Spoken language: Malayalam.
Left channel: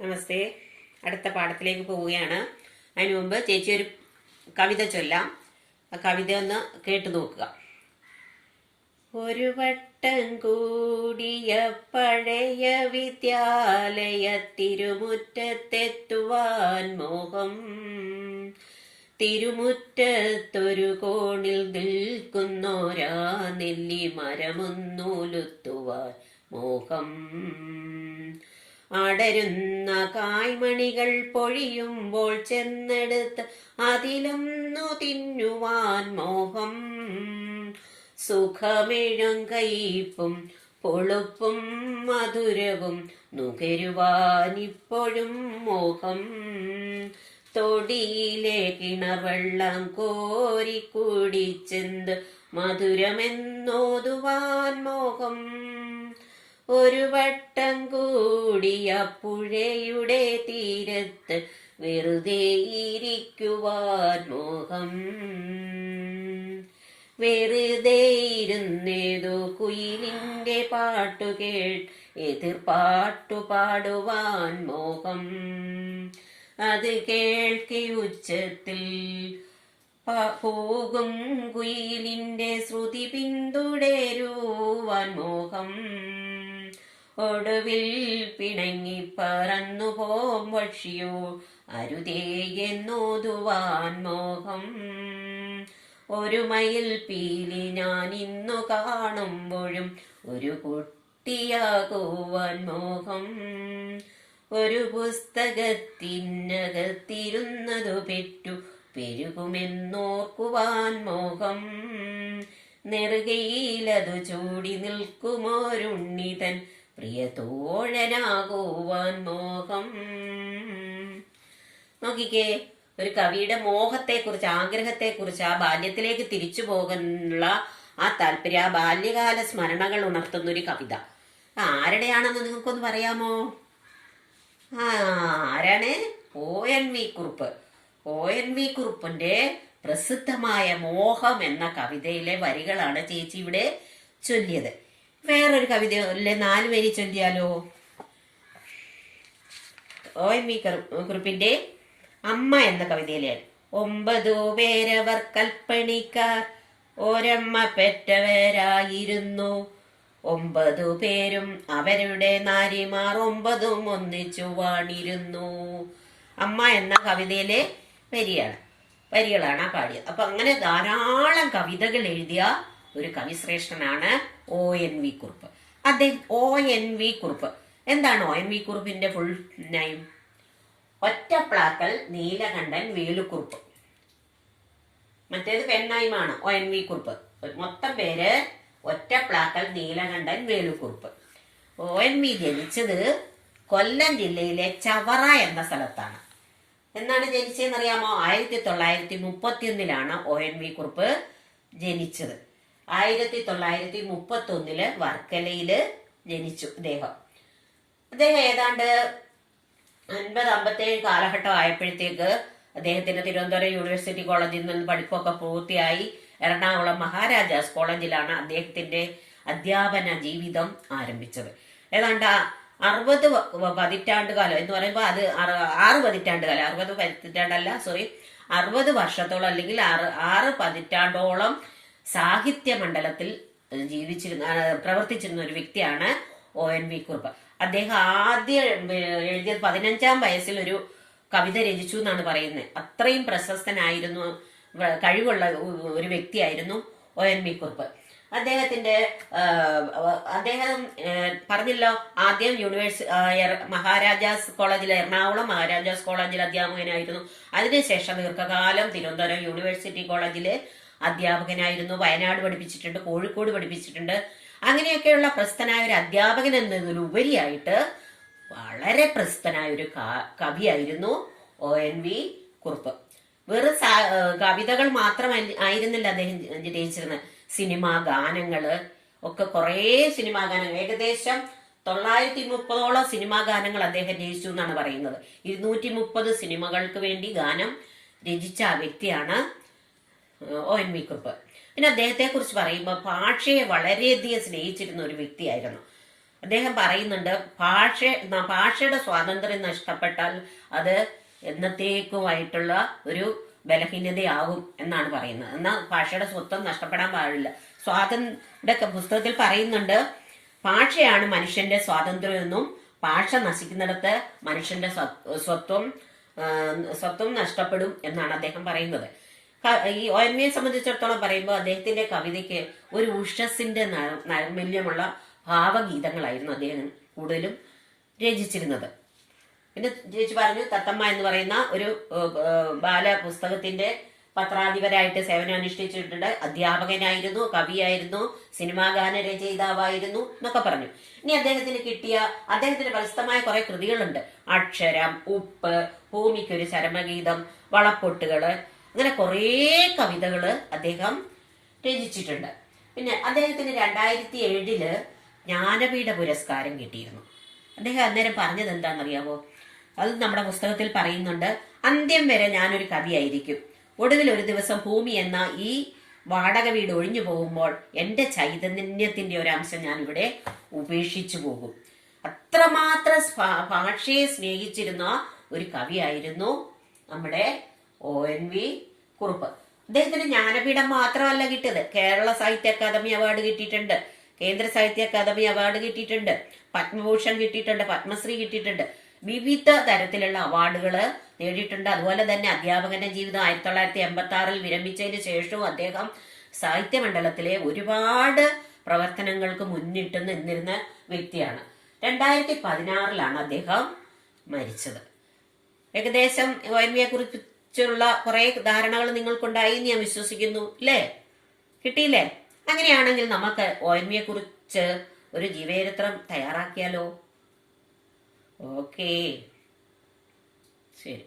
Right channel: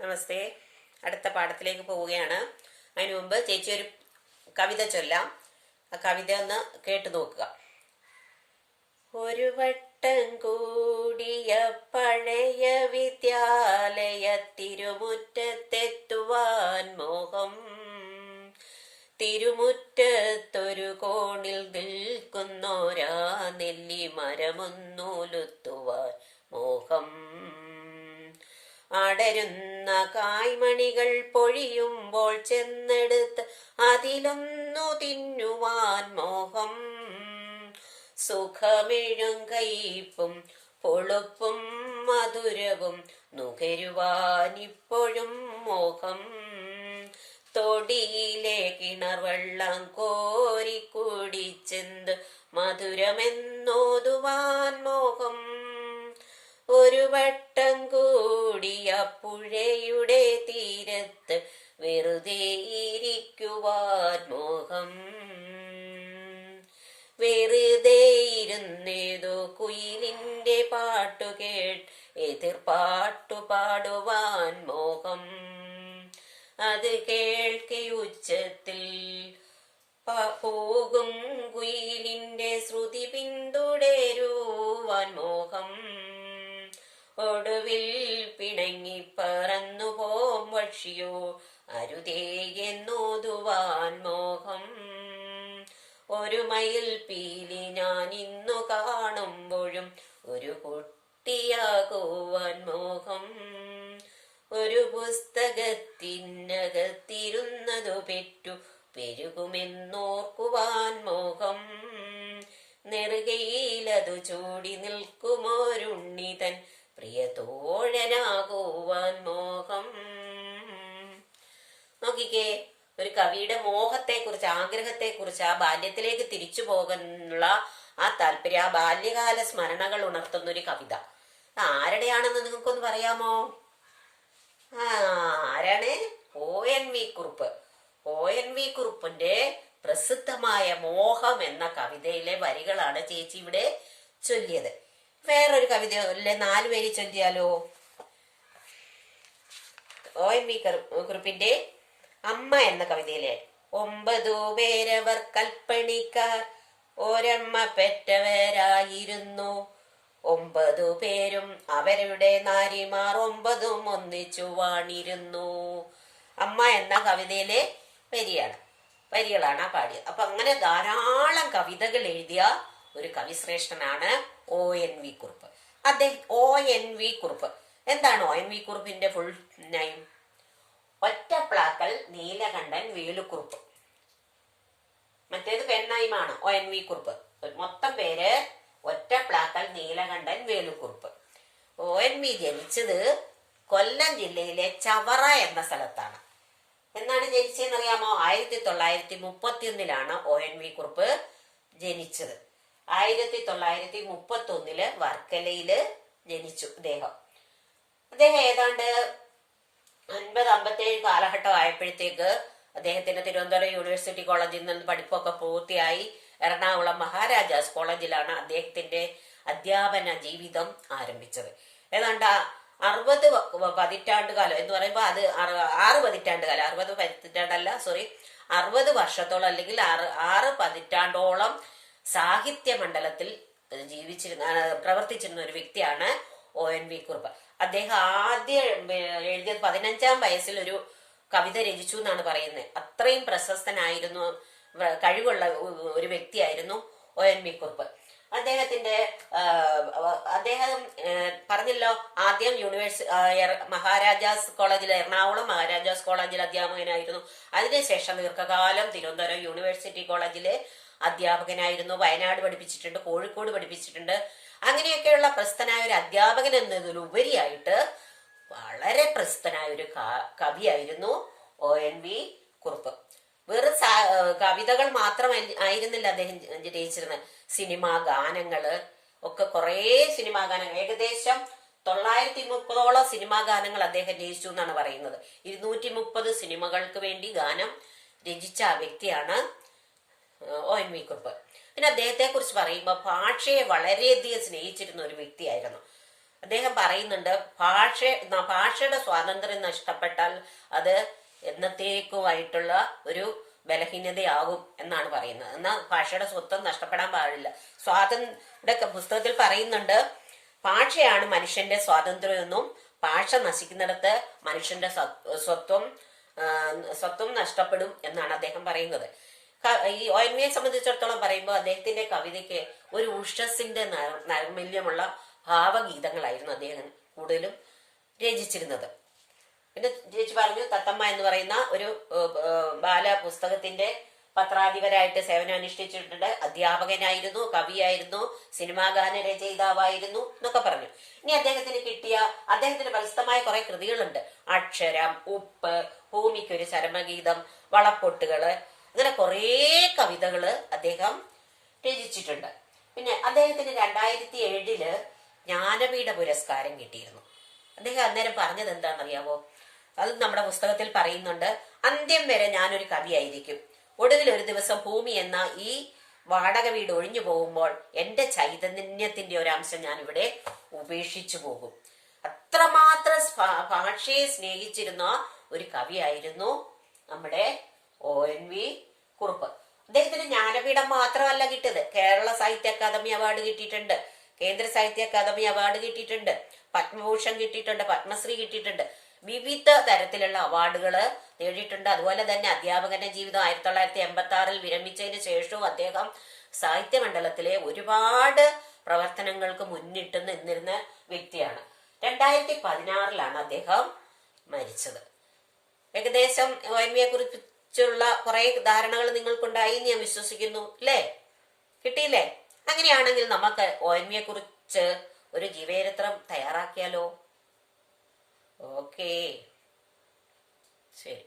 നമസ്തേ. അടുത്ത പാഠത്തിലേക്ക് പോവുകയാണ്. അതിനു മുമ്പ് ചേച്ചി ഒരു കവിത ചൊല്ലാം. ആ കവിത ഒന്ന് കേട്ടു നോക്കുക. ഒരു വട്ടം കൂടിയ പഴയ വിദ്യാലയ തിരുമുറ്റത്തെത്തുവാൻ മോഹം. തിരുമുറ്റത്തൊരു കോണിൽ നിൽക്കുന്നോരാ നെല്ലി മരമൊന്നൂലുത്തുവാൻ മോഹം. അടരുന്ന കായ്മണികൾ പൊഴിയുമ്പോൾ ചെന്നെടുത്ത് അതിലൊന്നു തിന്നുവാൻ മോഹം. സുഖമെഴും കയ്പും പൊളുപ്പും മധുരവും നുകരുവാനിപ്പോഴും മോഹം. തൊടിയിലെ കിണർവെള്ളം കോരി കുടിച്ചെന്ത് മധുരമെന്നോതുവാൻ മോഹം. ഒരു വട്ടം കൂടിയ പുഴയുടെ തീരത്ത് വെറുതെ ഇരിക്കുവാൻ മോഹം. വെറുതെ ഇരുന്നേതോ കുയിലിന്റെ പാട്ടുകേട്ട് എതിർപ്പാട്ടു പാടുവാൻ മോഹം. അത് കേൾക്കെ ഉച്ചത്തിൽ പോകും കുയിലിന്റെ ശ്രുതി പിന്തുടരുവാൻ മോഹം. ഒടുവിൽ പിണങ്ങി പറന്നു പോം പക്ഷിയോ അരുതേ എന്നോതുവാൻ മോഹം. ഒരു മയിൽ പീലി ഞാൻ ഇന്നു കാണുമ്പോഴും ഒരു കുട്ടിയാകുവാൻ മോഹം. ഒരു പുസ്തകത്തിനകത്തിരുന്നതു പെറ്റു പെരുകുമെന്നോർക്കുവാൻ മോഹം. നെറുകയിലതു ചൂടി നിൽക്കുമോരുണ്ണിതൻ പ്രിയ തോഴനാകുവാൻ മോഹം. നോക്കിക്കേ, ഒരു കവിയുടെ മോഹത്തെ കുറിച്ച്, ആഗ്രഹത്തെ കുറിച്ച്, ആ ബാല്യത്തിലേക്ക് തിരിച്ചു പോകാനുള്ള ആ താല്പര്യം, ആ ബാല്യകാല സ്മരണകൾ ഉണർത്തുന്ന ഒരു കവിത. ആരുടെയാണെന്ന് നിങ്ങൾക്കൊന്ന് പറയാമോ? ആരാണ്? ONV കുറുപ്പ്. ONV കുറുപ്പിന്റെ പ്രസിദ്ധമായ മോഹം എന്ന കവിതയിലെ വരികളാണ് ചേച്ചി ഇവിടെ ചൊല്ലിയത്. വേറൊരു കവിത അല്ലെ 4 വരി ചൊല്ലിയാലോ? ONV കുറുപ്പിന്റെ അമ്മ എന്ന കവിതയിലെ 9 പേരവർ കൽപ്പണിക്കാർ ഒരമ്മ പെറ്റവരായിരുന്നു. 9 പേരും അവരുടെ നാരിമാർ 9 ഒന്നിച്ചു വാണിരുന്നു. അമ്മ എന്ന കവിതയിലെ വരികളാണ് ആ പാടിയത്. അപ്പൊ അങ്ങനെ ധാരാളം കവിതകൾ എഴുതിയ ഒരു കവിശ്രേഷ്ഠനാണ് ONV കുറുപ്പ്. അദ്ദേഹം ONV കുറുപ്പ്. എന്താണ് ONV കുറുപ്പിന്റെ ഫുൾ നെയിം? ഒറ്റപ്ലാക്കൽ നീലകണ്ഠൻ വേലുക്കുറുപ്പ്. മറ്റേത് പെണ്ണൈമാണ് ONV കുറുപ്പ്. മൊത്തം പേര് ഒറ്റപ്ലാക്കൽ നീലകണ്ഠൻ വേലുക്കുറുപ്പ്. ONV ജനിച്ചത് കൊല്ലം ജില്ലയിലെ ചവറ എന്ന സ്ഥലത്താണ്. എന്നാണ് ജനിച്ചതെന്നറിയാമോ? 1931 ONV കുറുപ്പ് ജനിച്ചത്. 1931 വർക്കലയില് ജനിച്ചു അദ്ദേഹം. ഏതാണ്ട് 50-57 കാലഘട്ടം ആയപ്പോഴത്തേക്ക് അദ്ദേഹത്തിന് തിരുവനന്തപുരം യൂണിവേഴ്സിറ്റി കോളേജിൽ നിന്ന് പഠിപ്പൊക്കെ പൂർത്തിയായി എറണാകുളം മഹാരാജാസ് കോളേജിലാണ് അദ്ദേഹത്തിന്റെ അധ്യാപന ജീവിതം ആരംഭിച്ചത്. ഏതാണ്ട് 60 പതിറ്റാണ്ട് കാലം എന്ന് പറയുമ്പോൾ അത് 6 പതിറ്റാണ്ട് കാലം, 60 പതിറ്റാണ്ടല്ല, 60 വർഷത്തോളം അല്ലെങ്കിൽ 6 പതിറ്റാണ്ടോളം സാഹിത്യ മണ്ഡലത്തിൽ പ്രവർത്തിച്ചിരുന്ന ഒരു വ്യക്തിയാണ് ONV കുറുപ്പ്. അദ്ദേഹം ആദ്യം എഴുതിയത് 15-ാം വയസ്സിൽ ഒരു കവിത രചിച്ചു എന്നാണ് പറയുന്നത്. അത്രയും പ്രശസ്തനായിരുന്നു, കഴിവുള്ള ഒരു വ്യക്തിയായിരുന്നു ONV കുറുപ്പ്. അദ്ദേഹം പറഞ്ഞല്ലോ, ആദ്യം മഹാരാജാസ് കോളേജിൽ, എറണാകുളം മഹാരാജാസ് കോളേജിൽ അധ്യാപകനായിരുന്നു. അതിനുശേഷം ദീർഘകാലം തിരുവനന്തപുരം യൂണിവേഴ്സിറ്റി കോളേജിലെ അധ്യാപകനായിരുന്നു. വയനാട് പഠിപ്പിച്ചിട്ടുണ്ട്, കോഴിക്കോട് പഠിപ്പിച്ചിട്ടുണ്ട്. അങ്ങനെയൊക്കെയുള്ള പ്രസിദ്ധനായ ഒരു അധ്യാപകൻ എന്നതിലുപരിയായിട്ട് വളരെ പ്രസിദ്ധനായ ഒരു കവിയായിരുന്നു ONV കുറുപ്പ്. വെറും കവിതകൾ മാത്രമായിരുന്നില്ല അദ്ദേഹം രചിച്ചിരുന്നത്. സിനിമാ ഗാനങ്ങള് ഒക്കെ, കുറേ സിനിമാ ഗാനങ്ങൾ, ഏകദേശം 930ഓളം സിനിമാ ഗാനങ്ങൾ അദ്ദേഹം രചിച്ചു എന്നാണ് പറയുന്നത്. 230 സിനിമകൾക്ക് വേണ്ടി ഗാനം രചിച്ച ആ വ്യക്തിയാണ് ONV കുറുപ്പ്. പിന്നെ അദ്ദേഹത്തെ കുറിച്ച് പറയുമ്പോൾ ഭാഷയെ വളരെയധികം സ്നേഹിച്ചിരുന്ന ഒരു വ്യക്തിയായിരുന്നു. അദ്ദേഹം പറയുന്നുണ്ട് ഭാഷയുടെ സ്വാതന്ത്ര്യം നഷ്ടപ്പെട്ടാൽ അത് എന്നത്തേക്കുമായിട്ടുള്ള ഒരു ബലഹീനതയാകും എന്നാണ് പറയുന്നത്. എന്നാൽ ഭാഷയുടെ സ്വത്വം നഷ്ടപ്പെടാൻ പാടില്ല. പുസ്തകത്തിൽ പറയുന്നുണ്ട്, ഭാഷയാണ് മനുഷ്യന്റെ സ്വാതന്ത്ര്യമെന്നും ഭാഷ നശിക്കുന്നിടത്ത് മനുഷ്യന്റെ സ്വത്വം നഷ്ടപ്പെടും എന്നാണ് അദ്ദേഹം പറയുന്നത്. ഈ ONVയെ സംബന്ധിച്ചിടത്തോളം പറയുമ്പോൾ അദ്ദേഹത്തിന്റെ കവിതയ്ക്ക് ഒരു ഉഷസ്സിന്റെ നൈർമല്യമുള്ള ഭാവഗീതങ്ങളായിരുന്നു അദ്ദേഹം കൂടുതലും രചിച്ചിരുന്നത്. പിന്നെ ചേച്ചി പറഞ്ഞു, തത്തമ്മ എന്ന് പറയുന്ന ഒരു ബാലപുസ്തകത്തിന്റെ പത്രാധിപരായിട്ട് സേവനം അനുഷ്ഠിച്ചിട്ടുണ്ട്. അധ്യാപകനായിരുന്നു, കവിയായിരുന്നു, സിനിമാ ഗാന രചയിതാവായിരുന്നു എന്നൊക്കെ പറഞ്ഞു. ഇനി അദ്ദേഹത്തിന് പ്രസിദ്ധമായ കുറെ കൃതികളുണ്ട്. അക്ഷരം, ഉപ്പ്, ഭൂമിക്കൊരു ചരമഗീതം, വളപ്പൊട്ടുകള്, അങ്ങനെ കുറേ കവിതകള് അദ്ദേഹം രചിച്ചിട്ടുണ്ട്. പിന്നെ അദ്ദേഹത്തിന് 2007 ജ്ഞാനപീഠ പുരസ്കാരം കിട്ടിയിരുന്നു. അദ്ദേഹം അന്നേരം പറഞ്ഞത് എന്താണെന്നറിയാമോ? അത് നമ്മുടെ പുസ്തകത്തിൽ പറയുന്നുണ്ട്. അന്ത്യം വരെ ഞാനൊരു കവിയായിരിക്കും. ഒടുവിൽ ഒരു ദിവസം ഭൂമി എന്ന ഈ വാടക വീട് ഒഴിഞ്ഞു പോകുമ്പോൾ എന്റെ ചൈതന്യത്തിന്റെ ഒരു അംശം ഞാൻ ഇവിടെ ഉപേക്ഷിച്ചു പോകും. അത്രമാത്രം ഭാഷയെ സ്നേഹിച്ചിരുന്ന ഒരു കവിയായിരുന്നു നമ്മുടെ ONV കുറുപ്പ്. അദ്ദേഹത്തിന് ജ്ഞാനപീഠം മാത്രമല്ല കിട്ടിയത്, കേരള സാഹിത്യ അക്കാദമി അവാർഡ് കിട്ടിയിട്ടുണ്ട്, കേന്ദ്ര സാഹിത്യ അക്കാദമി അവാർഡ് കിട്ടിയിട്ടുണ്ട്, പത്മഭൂഷൺ കിട്ടിയിട്ടുണ്ട്, പത്മശ്രീ കിട്ടിയിട്ടുണ്ട്, വിവിധ തരത്തിലുള്ള അവാർഡുകള് നേടിയിട്ടുണ്ട്. അതുപോലെ തന്നെ അധ്യാപകന്റെ ജീവിതം 1986 വിരമിച്ചതിന് ശേഷവും അദ്ദേഹം സാഹിത്യമണ്ഡലത്തിലെ ഒരുപാട് പ്രവർത്തനങ്ങൾക്ക് മുന്നിട്ട് നിന്നിരുന്ന വ്യക്തിയാണ്. 2016 അദ്ദേഹം മരിച്ചത്. ഏകദേശം ONVയെ കുറിച്ചുള്ള കുറെ ധാരണകൾ നിങ്ങൾക്കുണ്ടായി എന്ന് ഞാൻ വിശ്വസിക്കുന്നു, അല്ലേ? കിട്ടിയില്ലേ? അങ്ങനെയാണെങ്കിൽ നമുക്ക് ONVയെ കുറിച്ച് ഒരു ജീവചരിത്രം തയ്യാറാക്കിയാലോ? ഓക്കേ, ശരി.